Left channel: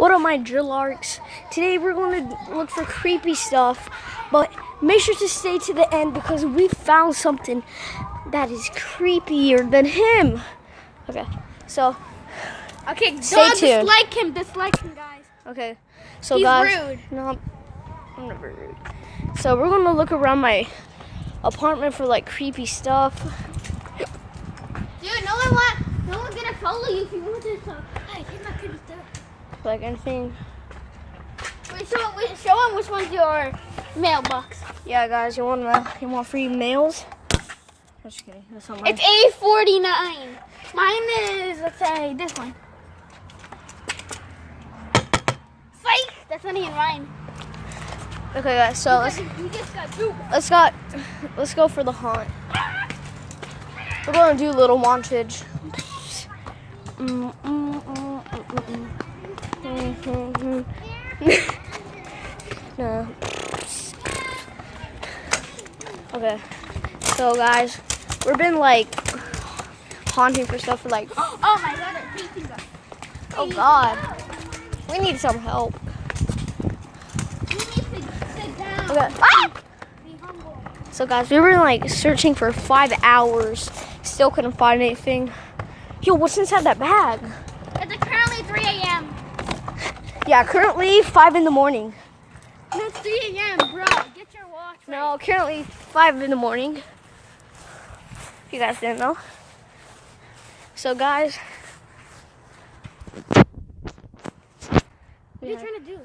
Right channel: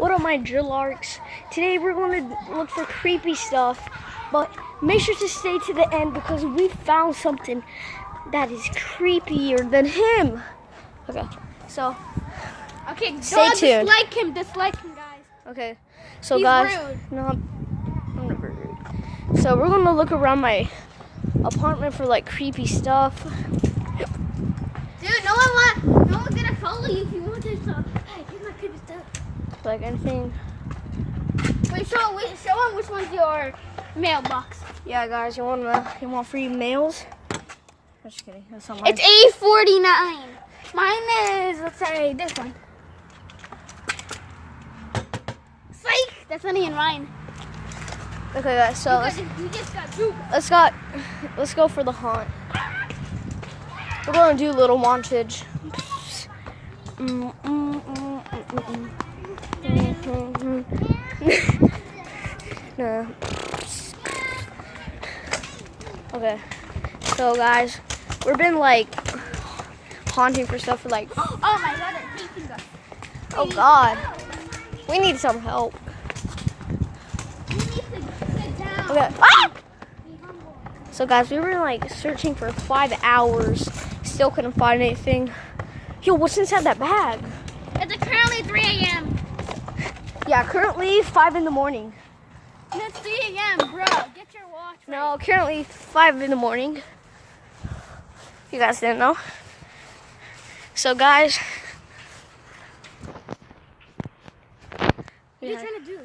What up, my drill arcs? Today we're going to look for creepy stuff, but make sure to stay to the end because we found something that is creepier than him. Okay, so stay tuned. Dislike him, guys. Okay, so He's guys, rude. no, I'm never rude. So we're gonna look around my apartment for like creepy stuff. Dude, no one's gonna follow you if you want this stuff. Hey, take my creepy stuff. Like anything. Wait, show him which one's your mailbox. Yeah, guys, you want free mails? Just kidding. That's not mine. It's A49. Mine is, let's say, this one. Psych! That's not even mine. Okay, guys. So We just got two. let's go for the haunt. We're gonna do a little montage. No. Okay. So guys, we've been like haunting for stuff for like. Oh my god, I'm chasing us. Oh god, we need some help. We need to sit down. Okay. Ah! So guys, we were like searching for 5 hours, still couldn't find anything. Yo, what's inside that bag? It's currently 3 a.m. Yeah, currently 5 in the morning. No, it's 3 a.m., bro. Get your watch right. No, currently 5 in the morning. If you guys didn't know. So guys, What are you trying to do?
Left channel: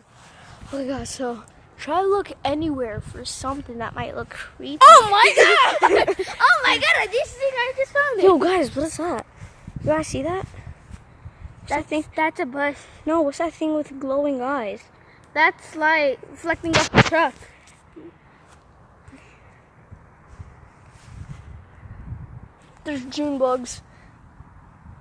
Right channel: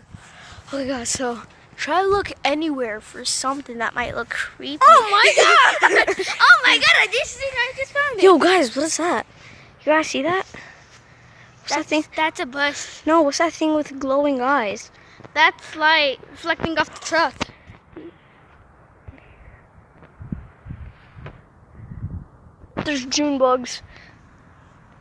okay guys, so try to look anywhere for something that might look creepy. Oh my god! Oh my god, I just found it. Yo guys, what is that? You guys see that? What's that thing? That's a bus. No, what's that thing with glowing eyes? That's light reflecting off the truck. There's June bugs.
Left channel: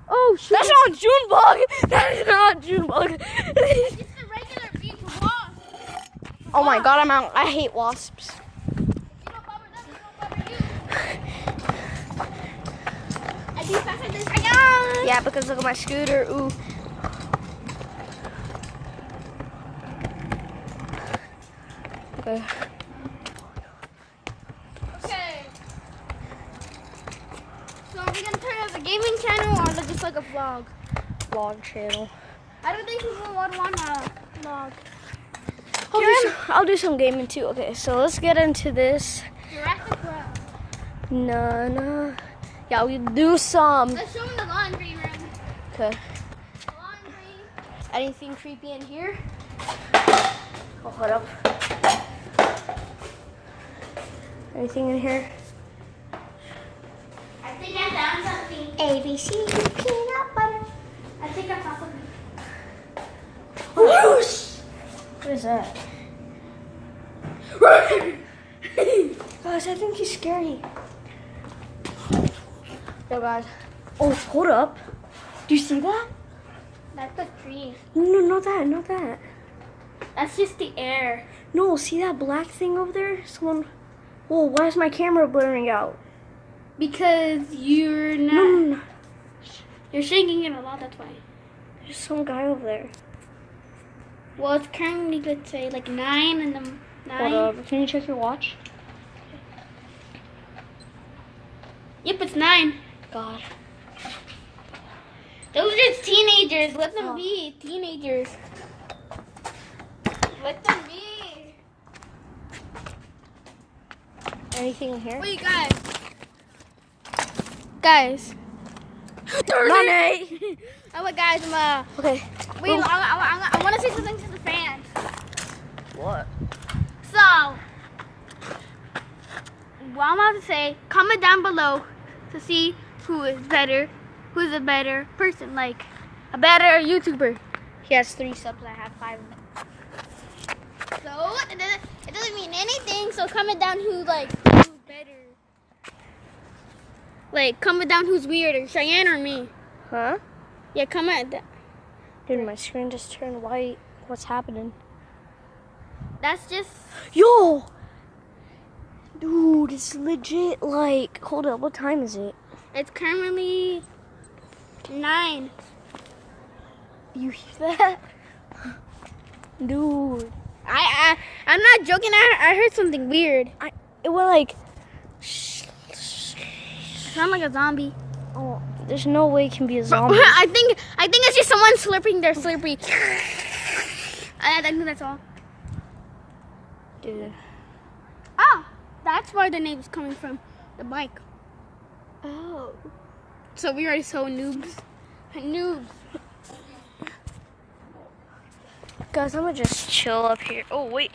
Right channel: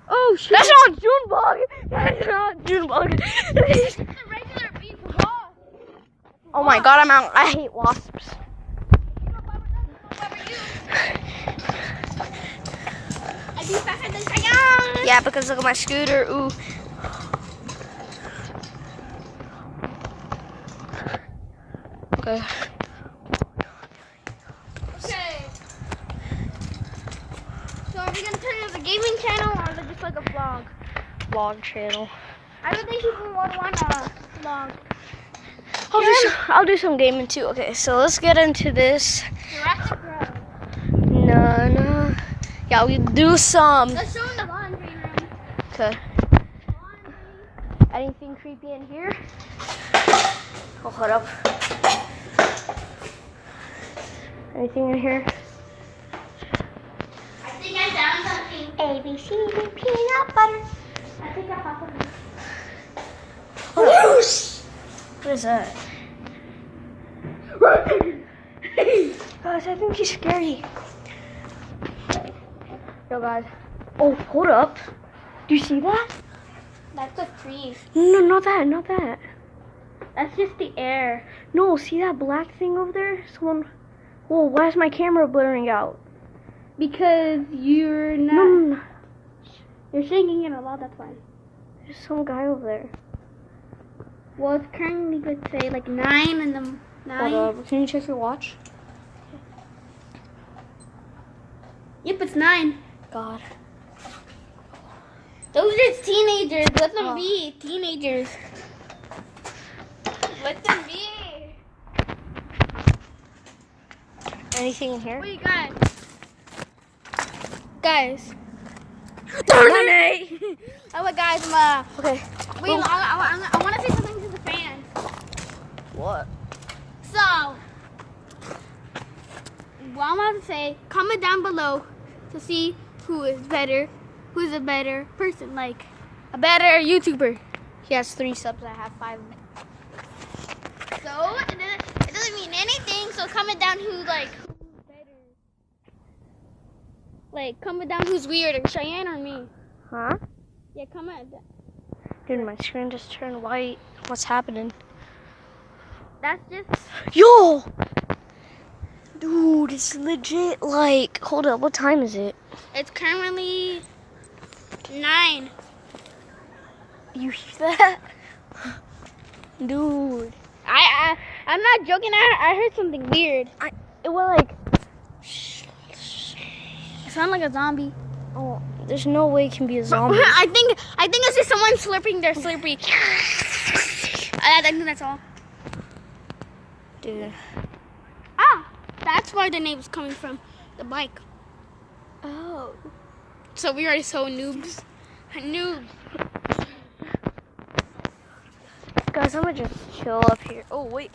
Oh shit. That's not June bug! That is not June bug. It's a regular bee wasp. Oh my god, I'm out. I hate wasps. You know, Bubba doesn't know Bubba you. I do faster than Sayang. Yeah, because look at my scooter. Ooh. Okay. Okay. So are we gonna turn it as a gaming channel or is it just like a vlog? Vlog channel. I don't think people would want a vlog. I'll do some gaming too. Okay, so let's get into this. Jurassic World. No. Yeah, we do some. Let's show them the laundry room. Okay. Laundry. Anything creepy in here? Oh, hold up. Anything in here? I think I found something. ABC peanut butter. I think I found something. Whoosh! What is that? Guys, I think he's scary. Yo, guys. Oh, hold up. Do you see that? That's a tree. No, not that. That's just the air. No, see that black thing over there? Someone. Whoa, why is my camera blurring out? Because you're not. No. You're shaking it a lot, that's why. There's some guy over there. Well, it's currently, let's say, like 9 in the 9. Hold up. Can you check your watch? Yep, it's 9. God. Those are just teenagers. Let them be teenagers. Let them be. Anything in here? Wait, guys. Money! Oh, wait, guys, Okay. wait, I want to say something to the fans. What? So, what I'm about to say, comment down below to see who's a better person, like a better YouTuber. He has 3 subs. I have 5. So, it doesn't mean anything, so comment down who's better. Like, comment down who's weirder, Cheyenne or me. Huh? Yeah, comment down. Dude, my screen just turned white. What's happening? That's just... Yo! Dude, it's legit like... Hold up, what time is it? It's currently 9. You hear that? Dude. I'm not joking. I heard something weird. It went like... It sounded like a zombie. Oh, there's no way it can be a zombie. I think it's just someone slurping their Slurpee. I think that's all. Dude. Ah, that's where the name is coming from. The bike. Oh. So we are so noobs. Noobs. Guys, I'm gonna just chill up here. Oh, wait.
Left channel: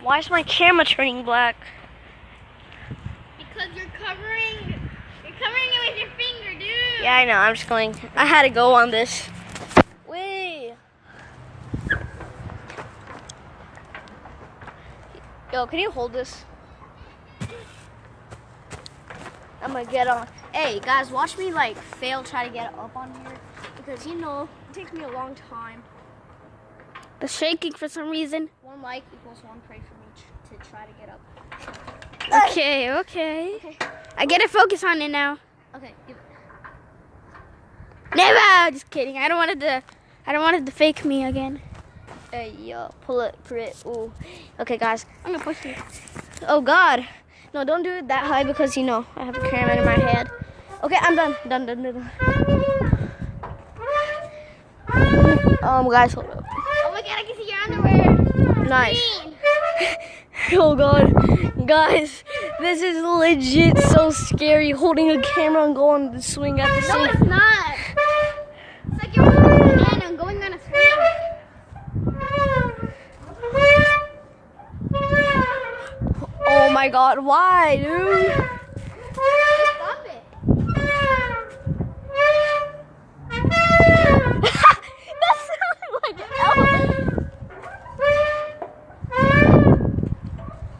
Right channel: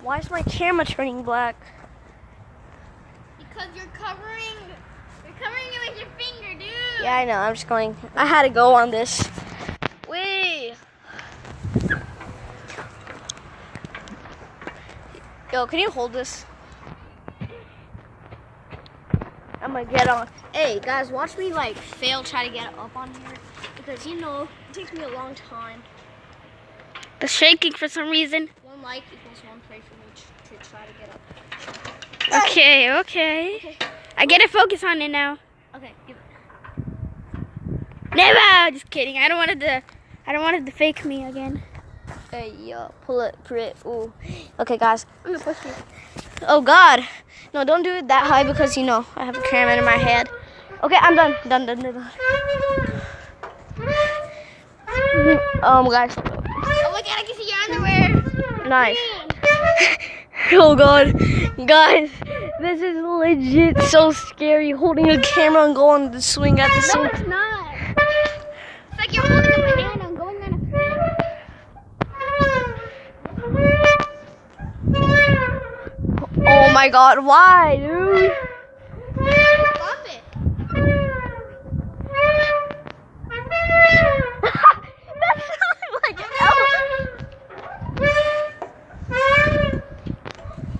Why is my camera turning black? Because you're covering it with your finger, dude. Yeah, I know. I'm just going. I had to go on this. Wait. Yo, can you hold this? I'm gonna get on. Hey, guys, watch me like fail try to get up on here. Because, you know, it takes me a long time. The shaking for some reason. 1 like equals 1 pray for me to try to get up. Okay. I get to focus on it now. Okay, give it. Never. Just kidding. I don't want it to fake me again. Hey, yo, pull it. Ooh. Okay, guys. I'm gonna push it. Oh, God. No, don't do it that high because, you know, I have a camera in my head. Okay, I'm done. Done. Guys. Oh my God, I can see your underwear. Nice. Oh, God. Guys, this is legit so scary holding a camera and going on the swing at the No, same it's not. It's like you're holding a banana and going on a swing. Oh, my God. Why, dude? Stop it. That sounded like an elephant.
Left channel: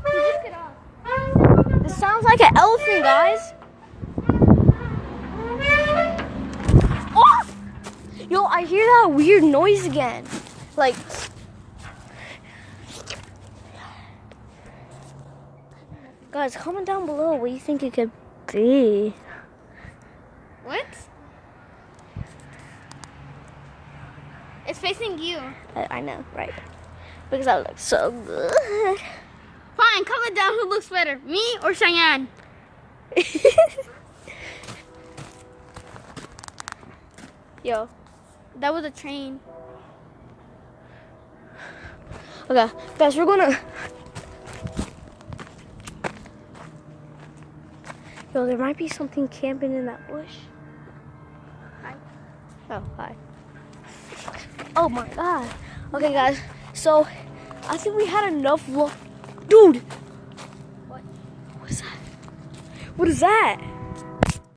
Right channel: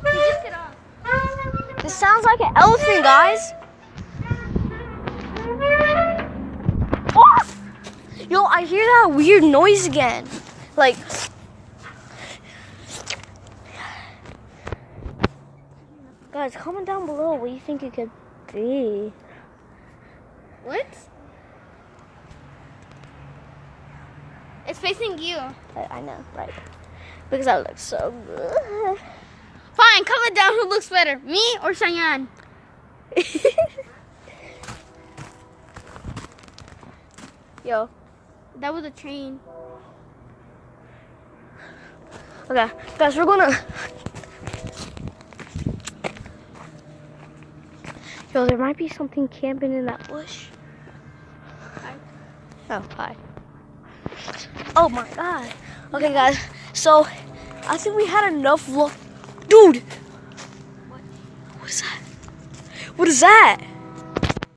You just get off. This sounds like an elephant, guys. Oh! Yo, I hear that weird noise again. Like... Guys, comment down below what you think it could be. What? It's facing you. I know, right? Because I look so good. Fine, comment down who looks better, me or Cheyenne. Yo. That was a train. Okay, guys, we're gonna... Yo, there might be something camping in that bush. Hi. Oh, hi. Oh my God. Okay, guys, so I think we had enough look. Dude! What? What is that? What is that?